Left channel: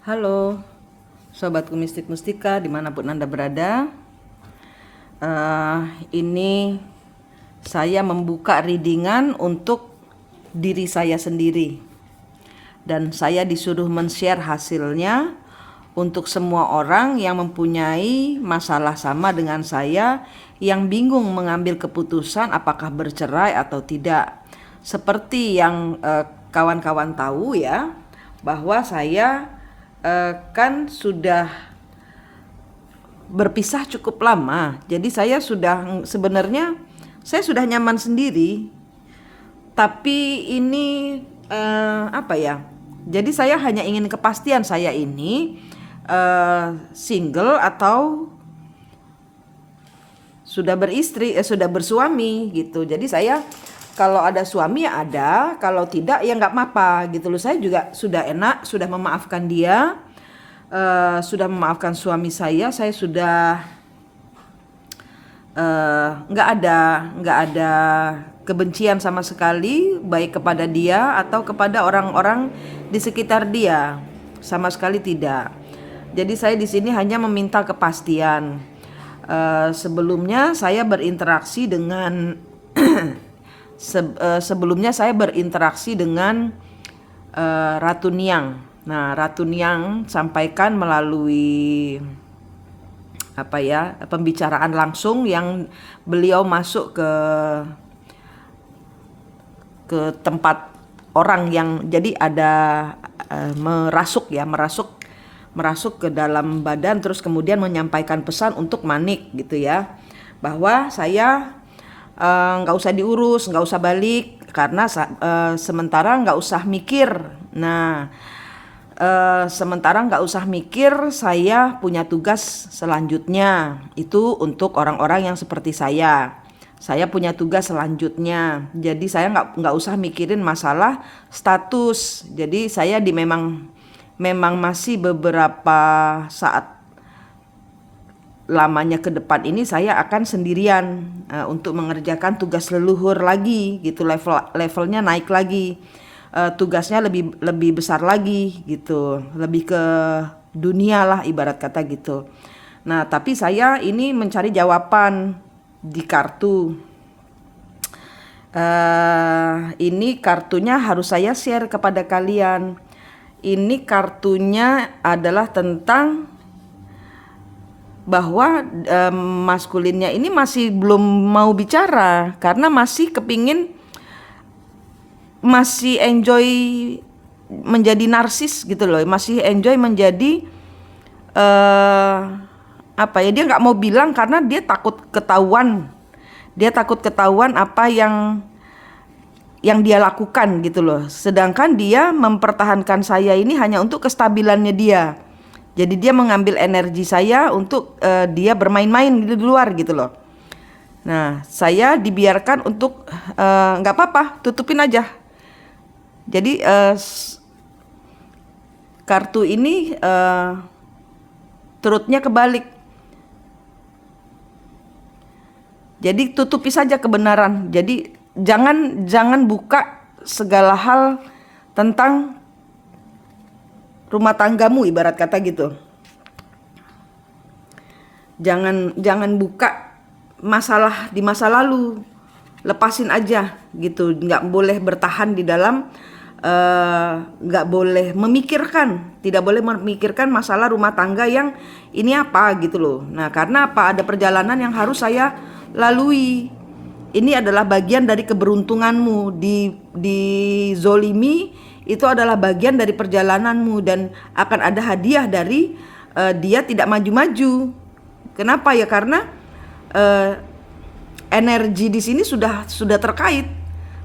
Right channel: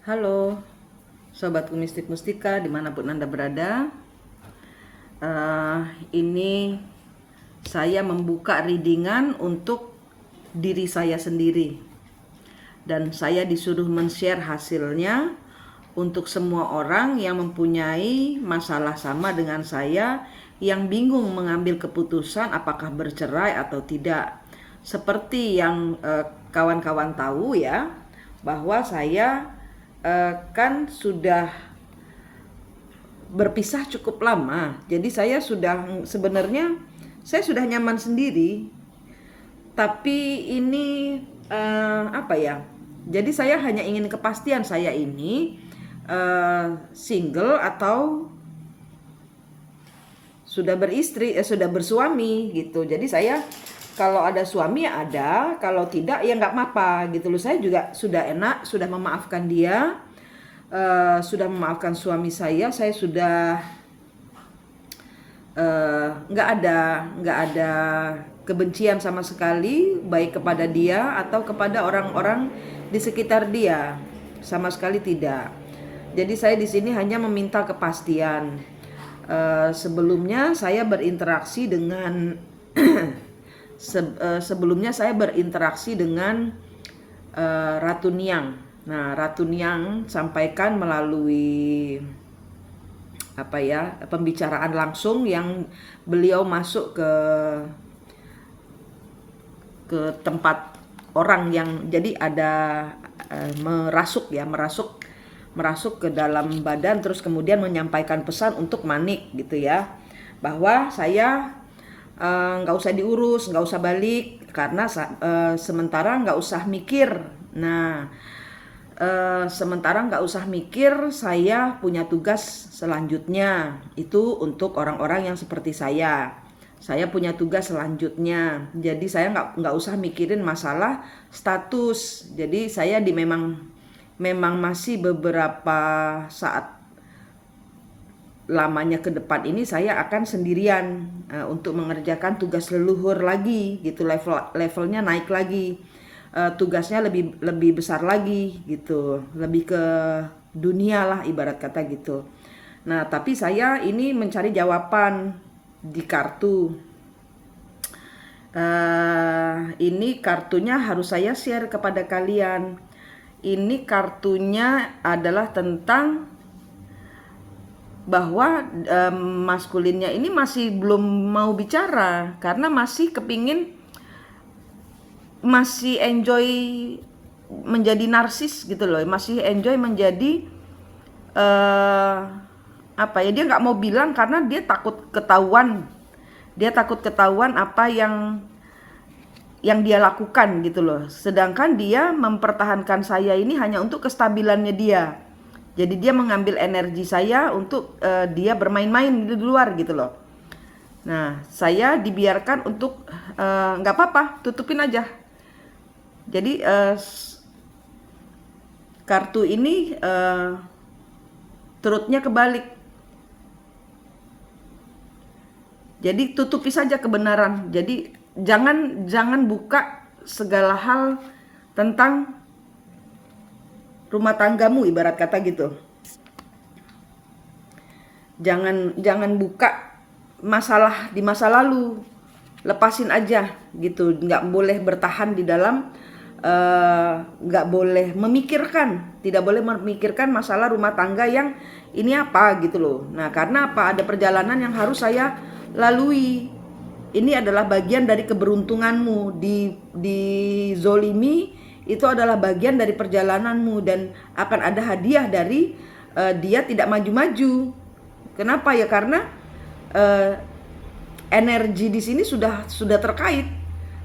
Halo, sobatku mistik mustika dimanapun Anda berada. Ini saya membuka readingan untuk diri saya sendiri. Dan saya disuruh men-share hasilnya untuk semua orang yang mempunyai masalah sama dengan saya, yang bingung mengambil keputusan apakah bercerai atau tidak. Seperti yang kawan-kawan tahu ya, bahwa saya kan sudah berpisah cukup lama. Jadi saya sudah nyaman sendiri. Tapi ini apa ya? Jadi saya hanya ingin kepastian saya ini single atau sudah beristri, sudah bersuami gitu. Jadi saya kalau ada suami ya ada, kalau tidak ya nggak apa-apa gitu loh. Saya juga sudah enak, sudah memaafkan dia, sudah memaafkan suami saya sudah nggak ada kebencian sama sekali, baik kepada dia atau kepada orang-orang di sekitar dia, sama sekali tidak. Jadi saya di sini hanya meminta kepastian. Sebelumnya saya berinteraksi dengan sebelumnya saya berinteraksi dengan Ratu Niang. Nah, Ratu Niang sampaikan melalui pembicaraan langsung yang beliau masuk ke tempat orang yang jadi ada merasuk ke dalam badan, terus kemudian menyampaikan pesan untuk Manik gitu ya, bahwa saya nggak usah diurus, nggak usah balik karena sementara nggak usah mikir. Nah, sementara nggak usah mikir, saya punya tugas selanjutnya itu untuk orang-orang yang seperti saya. Saya punya tugas selanjutnya, jadi saya nggak usah mikirin masalah status. Jadi saya memang masih beberapa saat lamanya ke depan ini saya akan sendirian untuk mengerjakan tugas leluhur lagi gitu, levelnya naik lagi, tugasnya lebih besar lagi gitu, lebih ke dunia lah ibarat kata gitu. Nah, tapi saya ini mencari jawaban di kartu. Ini kartunya harus saya share kepada kalian. Ini kartunya adalah tentang bahwa maskulinnya ini masih belum mau bicara karena masih enjoy menjadi narsis gitu loh, masih enjoy menjadi dia nggak mau bilang karena dia takut ketahuan apa yang dia lakukan gitu loh. Sedangkan dia mempertahankan saya ini hanya untuk kestabilannya dia. Jadi dia mengambil energi saya untuk dia bermain-main di luar gitu loh. Nah, saya dibiarkan untuk nggak apa-apa, tutupin aja. Jadi kartu ini turutnya kebalik. Jadi tutupi saja kebenaran. Jadi jangan buka segala hal tentang rumah tanggamu ibarat kata gitu. Jangan buka masalah di masa lalu. Lepasin aja gitu. Nggak boleh bertahan di dalam, nggak boleh memikirkan, tidak boleh memikirkan masalah rumah tangga yang ini apa gitu loh. Nah, karena apa? Ada perjalanan yang harus saya lalui. Ini adalah bagian dari keberuntunganmu. Di zolimi itu adalah bagian dari perjalananmu dan akan ada hadiah dari dia tidak maju-maju. Kenapa ya? Karena energi di sini sudah terkait.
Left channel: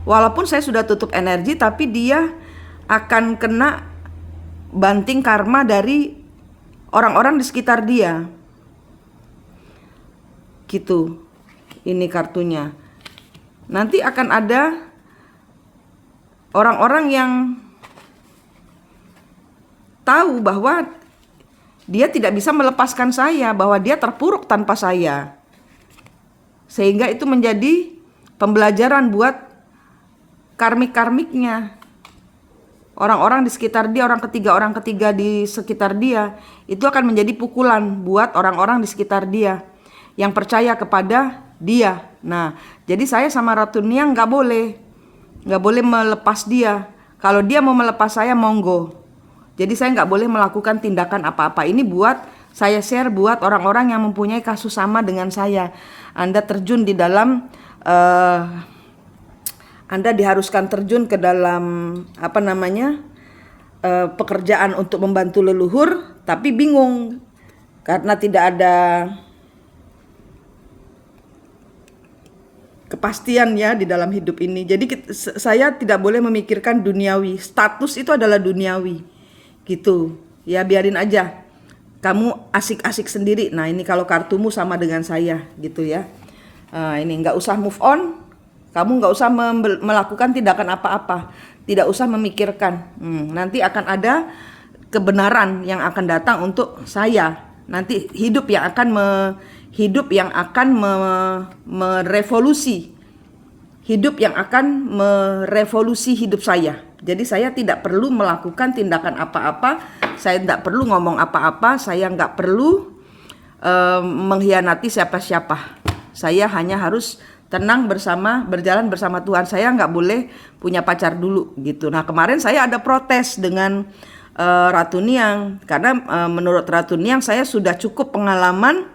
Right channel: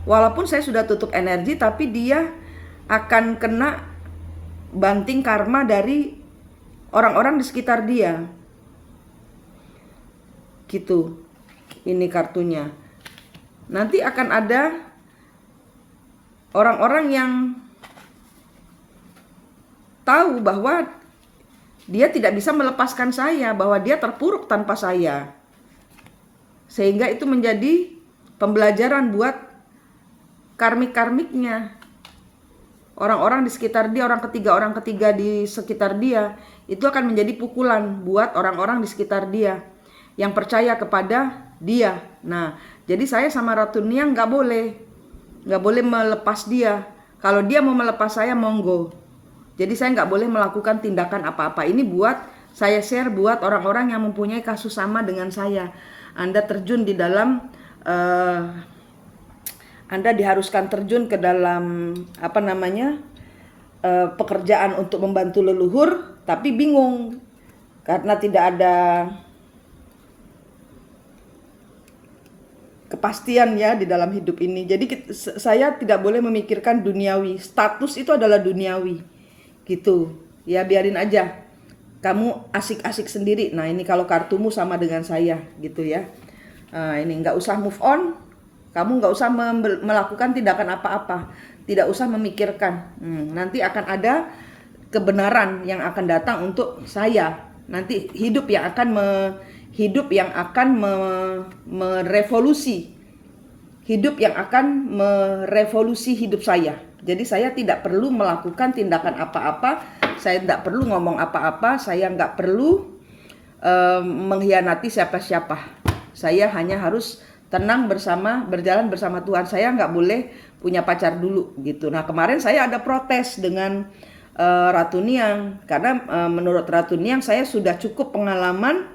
Walaupun saya sudah tutup energi, tapi dia akan kena banting karma dari orang-orang di sekitar dia. Gitu. Ini kartunya. Nanti akan ada orang-orang yang tahu bahwa dia tidak bisa melepaskan saya, bahwa dia terpuruk tanpa saya. Sehingga itu menjadi pembelajaran buat karmik-karmiknya. orang-orang di sekitar dia, orang ketiga di sekitar dia, itu akan menjadi pukulan buat orang-orang di sekitar dia yang percaya kepada dia. Nah, jadi saya sama Ratu Niang nggak boleh melepas dia. Kalau dia mau melepas saya, monggo. Jadi saya nggak boleh melakukan tindakan apa-apa. Ini buat saya share buat orang-orang yang mempunyai kasus sama dengan saya. Anda terjun di dalam Anda diharuskan terjun ke dalam pekerjaan untuk membantu leluhur, tapi bingung karena tidak ada kepastian ya di dalam hidup ini. Jadi saya tidak boleh memikirkan duniawi. Status itu adalah duniawi, gitu. Ya biarin aja. Kamu asik-asik sendiri. Nah ini kalau kartumu sama dengan saya, gitu ya. Nah, ini nggak usah move on. Kamu nggak usah melakukan tindakan apa-apa, tidak usah memikirkan. Nanti akan ada kebenaran yang akan datang untuk saya. Nanti hidup yang akan merevolusi, hidup yang akan merevolusi hidup saya. Jadi saya tidak perlu melakukan tindakan apa-apa, saya tidak perlu ngomong apa-apa, saya nggak perlu mengkhianati siapa-siapa. Saya hanya harus tenang berjalan bersama Tuhan. Saya nggak boleh punya pacar dulu gitu. Nah kemarin saya ada protes dengan Ratu Niang karena menurut Ratu Niang saya sudah cukup pengalaman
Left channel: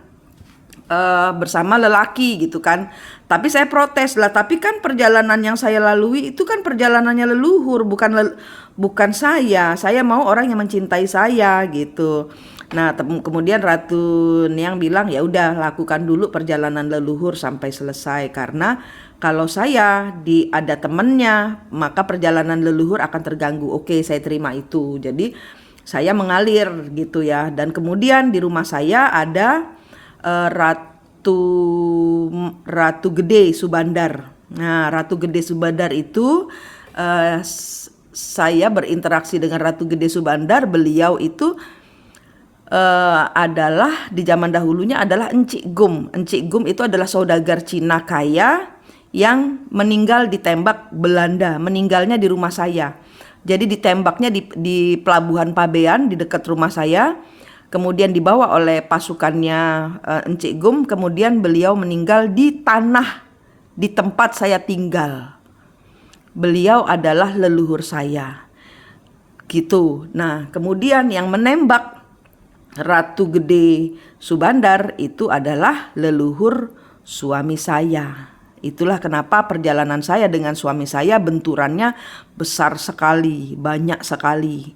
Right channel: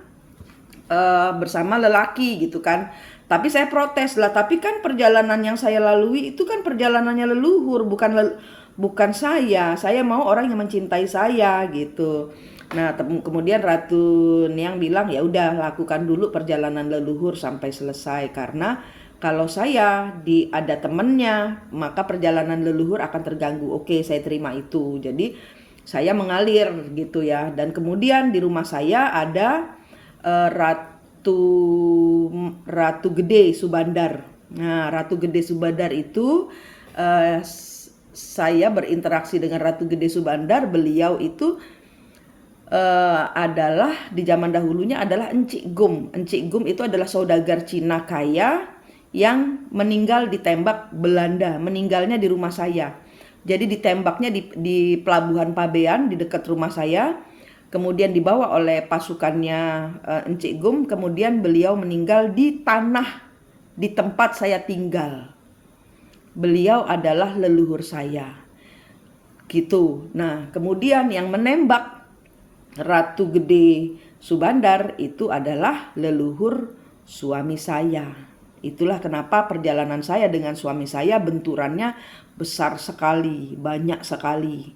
bersama lelaki gitu kan. Tapi saya protes lah. Tapi kan perjalanan yang saya lalui itu kan perjalanannya leluhur, bukan saya. Saya mau orang yang mencintai saya gitu. Nah, kemudian Ratu Niang bilang ya udah lakukan dulu perjalanan leluhur sampai selesai karena kalau saya ada temennya maka perjalanan leluhur akan terganggu. Oke, saya terima itu. Jadi saya mengalir gitu ya. Dan kemudian di rumah saya ada Ratu Gede Subandar. Nah, Ratu Gede Subandar itu saya berinteraksi dengan Ratu Gede Subandar. Beliau itu adalah di zaman dahulunya adalah Encik Gum. Encik Gum itu adalah saudagar Cina kaya yang meninggal ditembak Belanda. Meninggalnya di rumah saya. Jadi ditembaknya di Pelabuhan Pabean di dekat rumah saya. Kemudian dibawa oleh pasukannya Encik Gum. Kemudian beliau meninggal di tanah di tempat saya tinggal. Beliau adalah leluhur saya. Gitu. Nah, kemudian yang menembak Ratu Gede Subandar itu adalah leluhur suami saya. Itulah kenapa perjalanan saya dengan suami saya benturannya besar sekali, banyak sekali.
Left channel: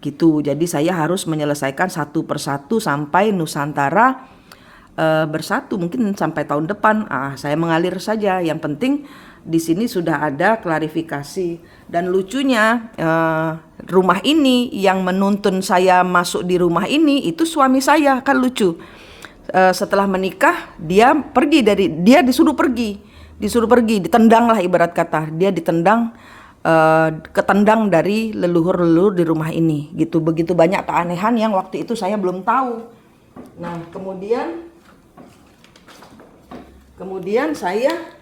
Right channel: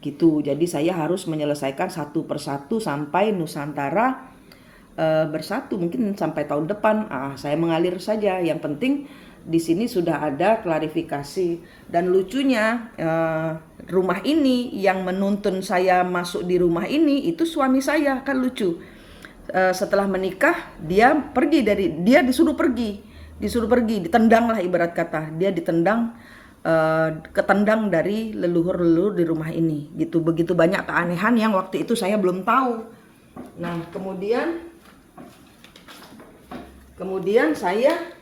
Gitu. Jadi saya harus menyelesaikan satu persatu sampai Nusantara bersatu, mungkin sampai tahun depan. Saya mengalir saja. Yang penting di sini sudah ada klarifikasi. Dan lucunya rumah ini yang menuntun saya masuk di rumah ini itu suami saya, kan lucu. Setelah menikah dia disuruh pergi, ditendang lah ibarat kata. Dia ditendang, ketendang dari leluhur-leluhur di rumah ini gitu. Begitu banyak keanehan yang waktu itu saya belum tahu. Nah kemudian saya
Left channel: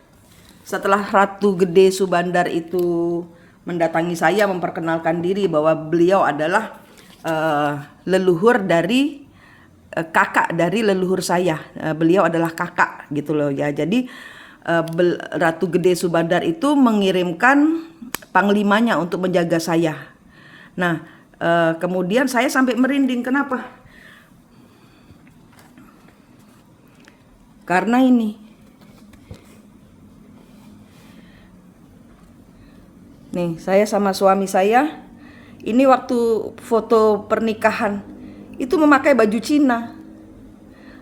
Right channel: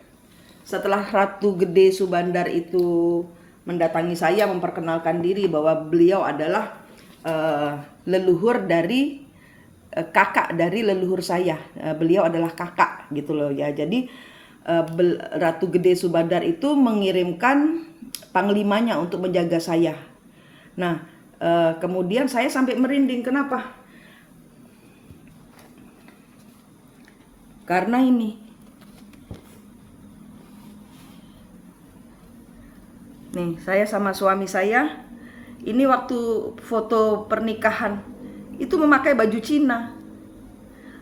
setelah Ratu Gede Subandar itu mendatangi saya memperkenalkan diri bahwa beliau adalah leluhur dari kakak dari leluhur saya. Beliau adalah kakak gitu loh ya. Jadi Ratu Gede Subandar itu mengirimkan panglimanya untuk menjaga saya. Nah, kemudian saya sampai merinding. Kenapa? Karena ini. Nih, saya sama suami saya. Ini waktu foto pernikahan itu memakai baju Cina.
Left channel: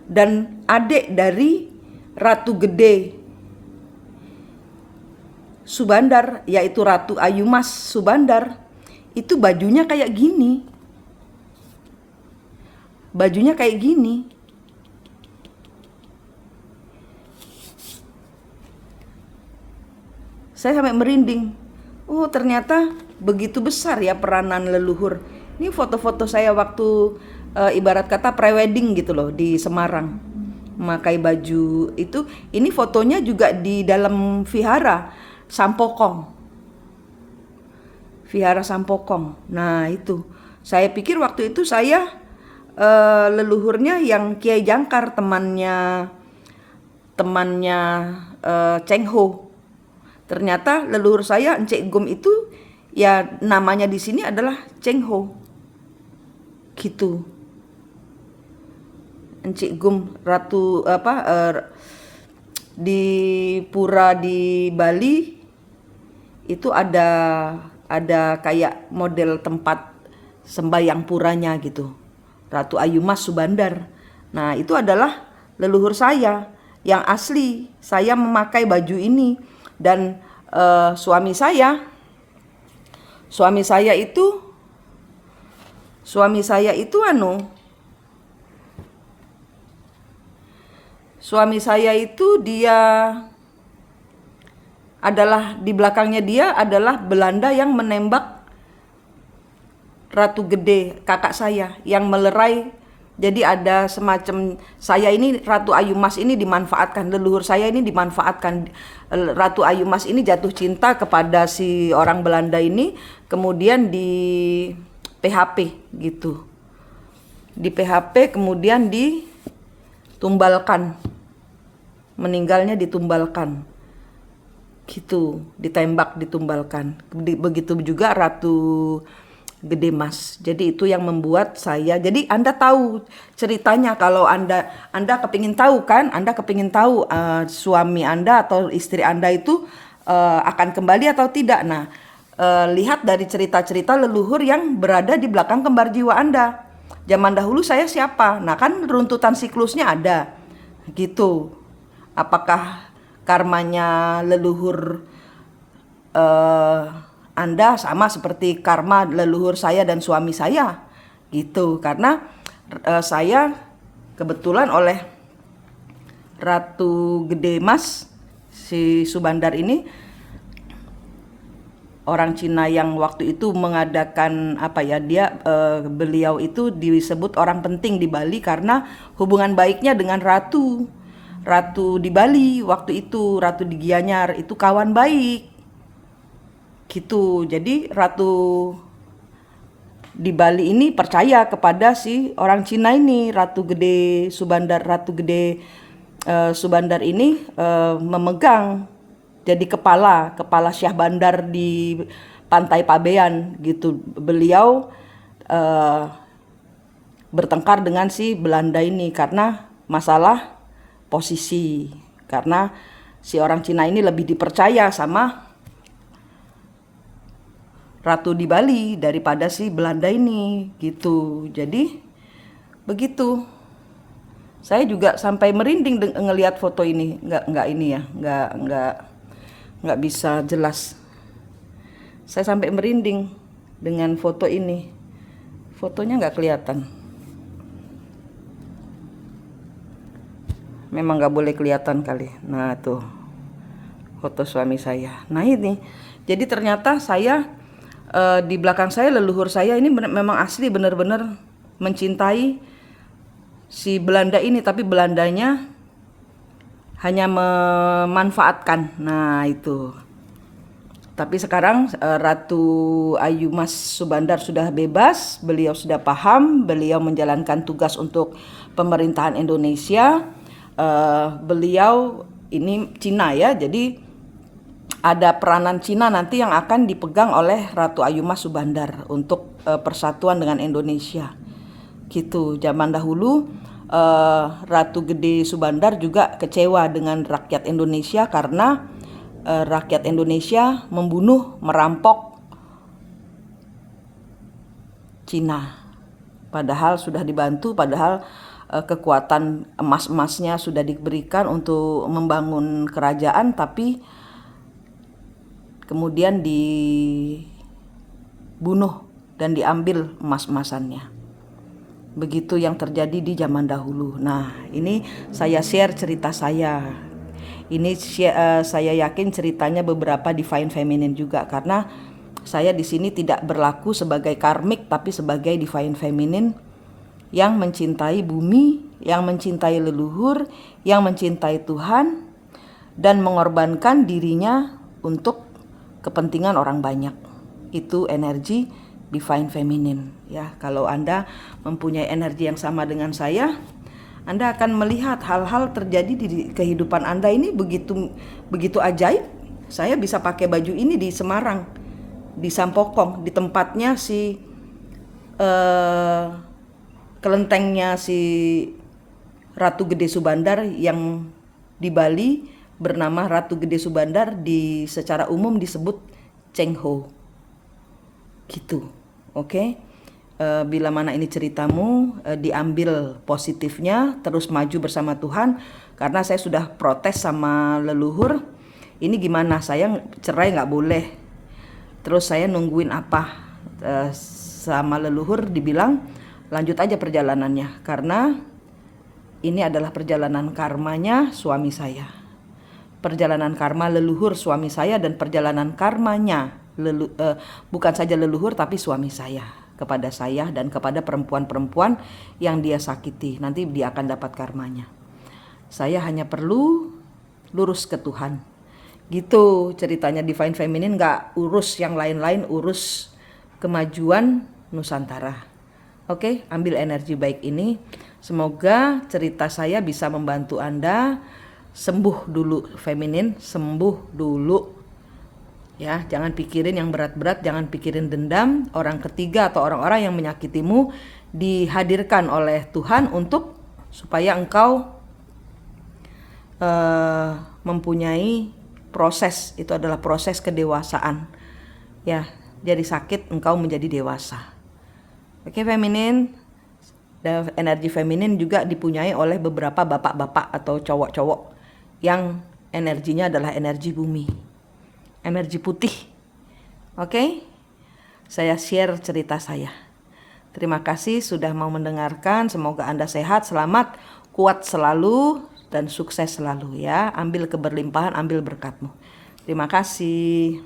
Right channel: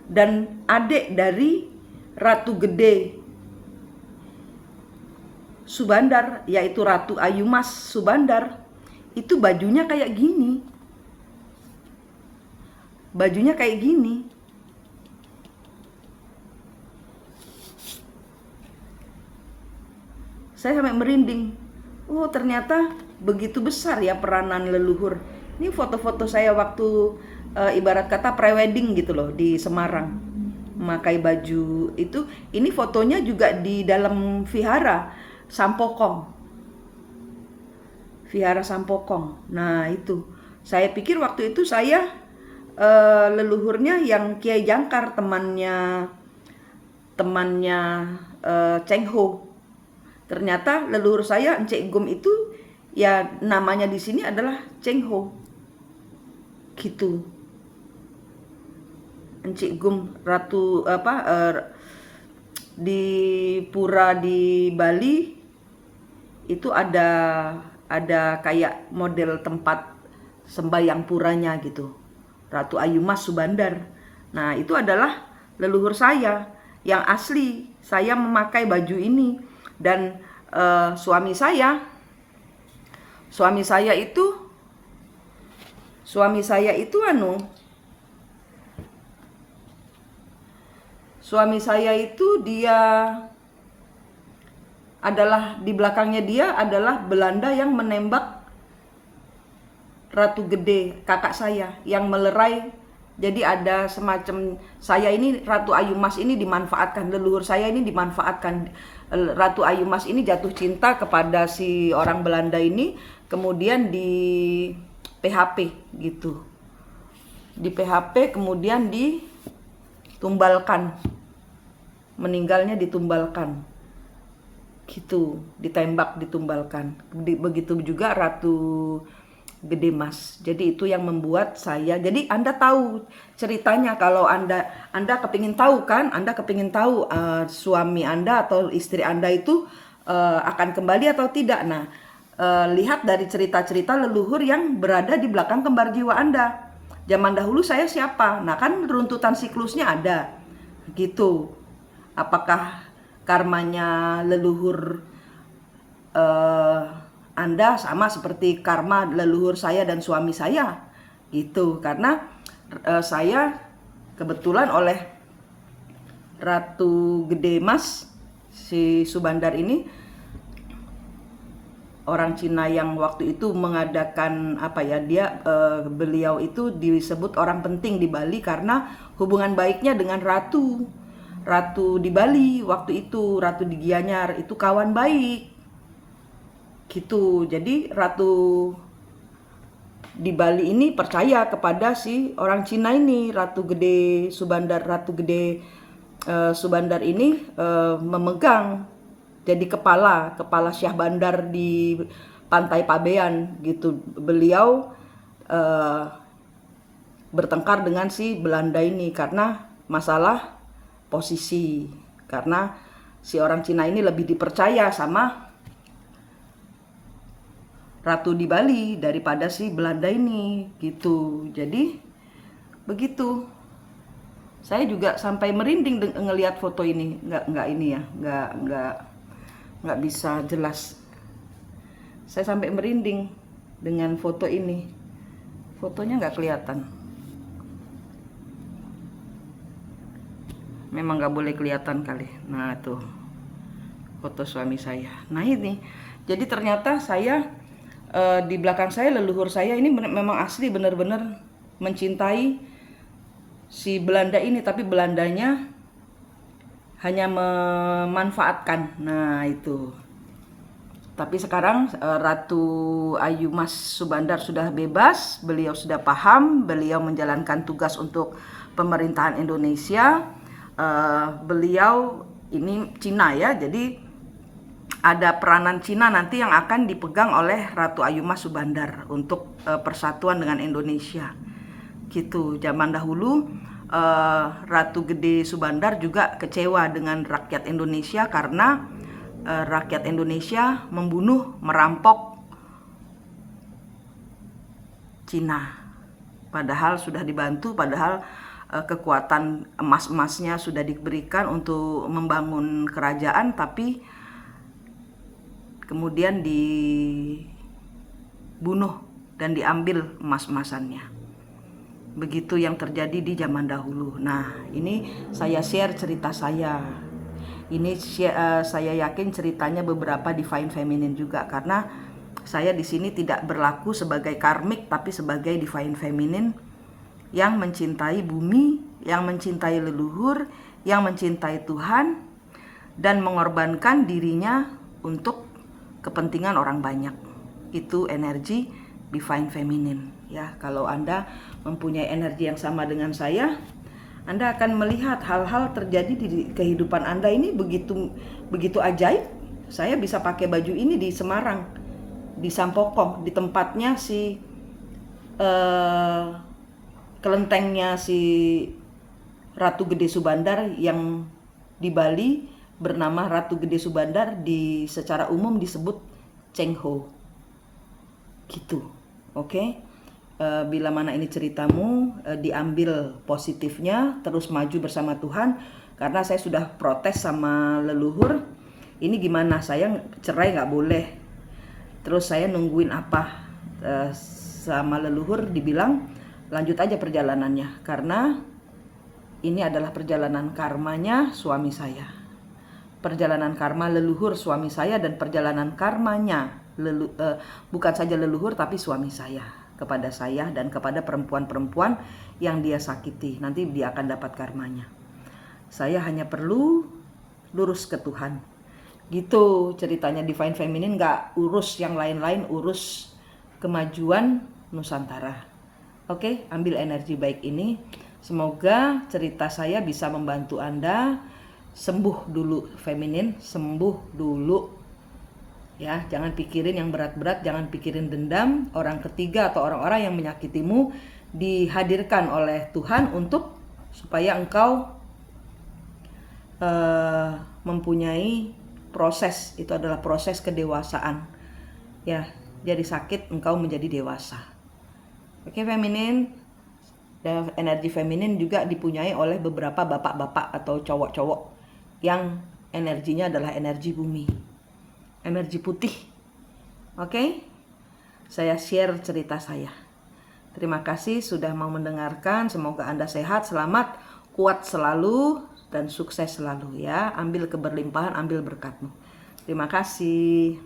Dan adik dari Ratu Gede Subandar, yaitu Ratu Ayumas Subandar, itu bajunya kayak gini. Bajunya kayak gini. Saya sampai merinding. Oh, ternyata begitu besar ya peranan leluhur. Ini foto-foto saya waktu ibarat kata prewedding gitu loh di Semarang. Memakai baju itu. Ini fotonya juga di dalam vihara Sampokong. Vihara Sampokong. Nah itu, saya pikir waktu itu saya leluhurnya yang Kiai Jangkar, temannya Cheng Ho. Ternyata leluhur saya Encik Gum itu ya namanya di sini adalah Cheng Ho. Gitu. Encik Gum ratu di pura di Bali itu ada kayak model tempat sembayang puranya gitu. Ratu Ayumas Subandar. Nah, itu adalah leluhur saya yang asli. Saya memakai baju ini dan suami saya itu dia adalah di belakangnya dia adalah Belanda yang menembak Ratu Gede, kakak saya yang melerai. Jadi ada semacam saya ini Ratu Ayumas ini dimanfaatkan, leluhur saya ini dimanfaatkan. Ratu Ayumas ini jatuh cinta kepada si orang Belanda ini, kemudian di PHP gitu. Di PHP kemudian ditumbalkan. Meninggalnya ditumbalkan. Gitu, ditembak, ditumbalkan. Begitu juga Ratu Gede Mas. Jadi itu yang membuat saya. Jadi Anda tahu ceritanya kalau Anda kepingin tahu kan? Anda kepingin tahu suami Anda atau istri Anda itu akan kembali atau tidak. Nah, lihat dari cerita-cerita leluhur yang berada di belakang kembar jiwa Anda. Zaman dahulu saya siapa? Nah, kan runtutan siklusnya ada. Gitu. Apakah karmanya leluhur Anda sama seperti karma leluhur saya dan suami saya gitu, karena saya kebetulan oleh Ratu Gede Mas si Subandar ini orang Cina yang waktu itu mengadakan beliau itu disebut orang penting di Bali karena hubungan baiknya dengan ratu di Bali waktu itu, ratu di Gianyar itu kawan baik gitu. Jadi ratu di Bali ini percaya kepada si orang Cina ini, Ratu Gede Subandar ini memegang jadi kepala Syah Bandar di Pantai Pabean gitu. Beliau bertengkar dengan si Belanda ini karena masalah posisi, karena si orang Cina ini lebih dipercaya sama Ratu di Bali daripada si Belanda ini gitu. Jadi begitu. Saya juga sampai merinding ngelihat foto ini. Nggak bisa jelas. Saya sampai merinding dengan foto ini. Fotonya nggak kelihatan. Memang nggak boleh kelihatan kali. Nah tuh foto suami saya. Nah ini. Jadi ternyata saya di belakang saya leluhur saya ini memang asli benar-benar mencintai si Belanda ini, tapi Belandanya hanya memanfaatkan. Nah itu. Tapi sekarang Ratu Ayumas Subandar sudah bebas, beliau sudah paham, beliau menjalankan tugas untuk pemerintahan Indonesia. Beliau ini Cina ya, jadi ada peranan Cina nanti yang akan dipegang oleh Ratu Ayumas Subandar untuk persatuan dengan Indonesia. Gitu. Zaman dahulu Ratu Gede Subandar juga kecewa dengan rakyat Indonesia karena rakyat Indonesia membunuh, merampok Cina. Padahal sudah dibantu, padahal kekuatan emas-emasnya sudah diberikan untuk membangun kerajaan, tapi kemudian dibunuh dan diambil emas-emasannya. Begitu yang terjadi di zaman dahulu. Nah, ini saya share cerita saya. Ini saya yakin ceritanya beberapa divine feminine juga, karena saya di sini tidak berlaku sebagai karmik tapi sebagai divine feminine yang mencintai bumi, yang mencintai leluhur, yang mencintai Tuhan dan mengorbankan dirinya untuk kepentingan orang banyak. itu energi divine feminine ya. Kalau Anda mempunyai energi yang sama dengan saya, Anda akan melihat hal-hal terjadi di kehidupan Anda ini begitu ajaib. Saya bisa pakai baju ini di Semarang, di Sampokong, di tempatnya si kelentengnya si Ratu Gede Subandar yang di Bali bernama Ratu Gede Subandar, secara umum disebut Cheng Ho. Gitu. Oke. Bila mana ini ceritamu, diambil positifnya, terus maju bersama Tuhan. Karena saya sudah protes sama leluhur, ini gimana, saya cerai nggak boleh. Terus saya nungguin apa, sama leluhur dibilang lanjut aja perjalanannya, karena ini adalah perjalanan karmanya suami saya, perjalanan karma leluhur suami saya, dan perjalanan karmanya bukan saja leluhur tapi suami saya kepada saya dan kepada perempuan-perempuan yang dia sakiti. Nanti dia akan dapat karmanya. Saya hanya perlu lurus ke Tuhan. Gitu ceritanya Divine Feminine, gak urus yang lain-lain, urus kemajuan Nusantara. Oke, ambil energi baik ini. Semoga cerita saya bisa membantu Anda sembuh dulu feminin, sembuh dulu. Ya, jangan pikirin yang berat-berat, jangan pikirin dendam, orang ketiga atau orang-orang yang menyakitimu, dihadirkan oleh Tuhan untuk supaya engkau mempunyai proses, itu adalah proses kedewasaan. Ya, jadi sakit engkau menjadi dewasa. Oke, feminin, dan energi feminin juga dipunyai oleh beberapa bapak-bapak atau cowok-cowok yang energinya adalah energi bumi, energi putih. Oke, saya share cerita saya. Terima kasih sudah mau mendengarkan. Semoga Anda sehat, selamat, kuat selalu, dan sukses selalu ya. Ambil keberlimpahan, ambil berkatmu. Terima kasih.